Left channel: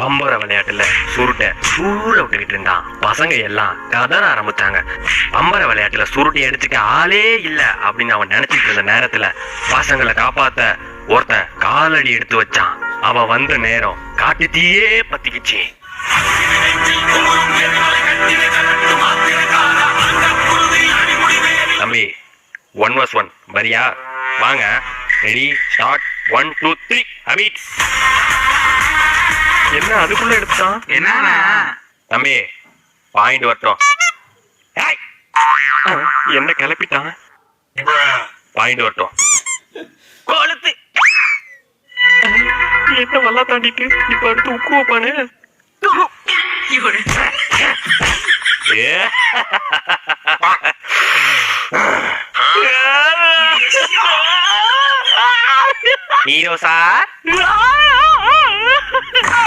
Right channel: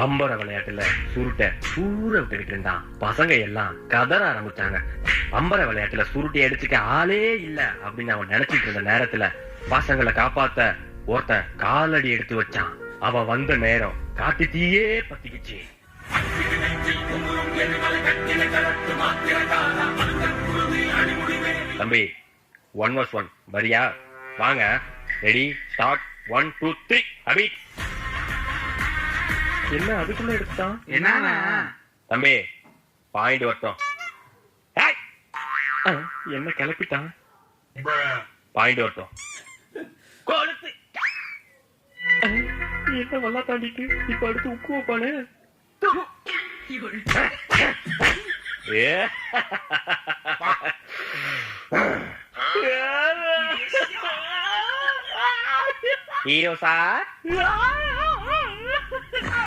பம்பர விளையாட்டுல சுருட்டை சூற விட்டுக்கிட்டு இருந்தான். பசங்க எல்லாம் கதற ஆரம்பிச்சாங்க. பம்பர விளையாட்டுல சுருட்டை எடுத்துக்க ஆளே இல்ல அப்படின்னு அவன் நினைச்சிட்டு இருந்த நேரத்துல பசங்களை காப்பாத்த ஒருத்தன் காலடி எடுத்து வச்சான். அவன் வந்த நேரம் காட்டு தீயே பத்திக்கிச்சு. தம்பி 1 vs 1 வரியா? வாங்க, ரெடி, ஸ்டார்ட். 1 2 3 அபிட். என்ன அதுக்குள்ள எடுத்தான்? என்ன தம்பி பாயிண்ட் வரட்டும். என்ன கிளப்பிட்டான்? பாயிண்ட் வரட்டும். கொளுத்து. என்ன வல்லா தாண்டிட்டு இப்ப அடுத்து உக்கு வைப்பானே. Hero sir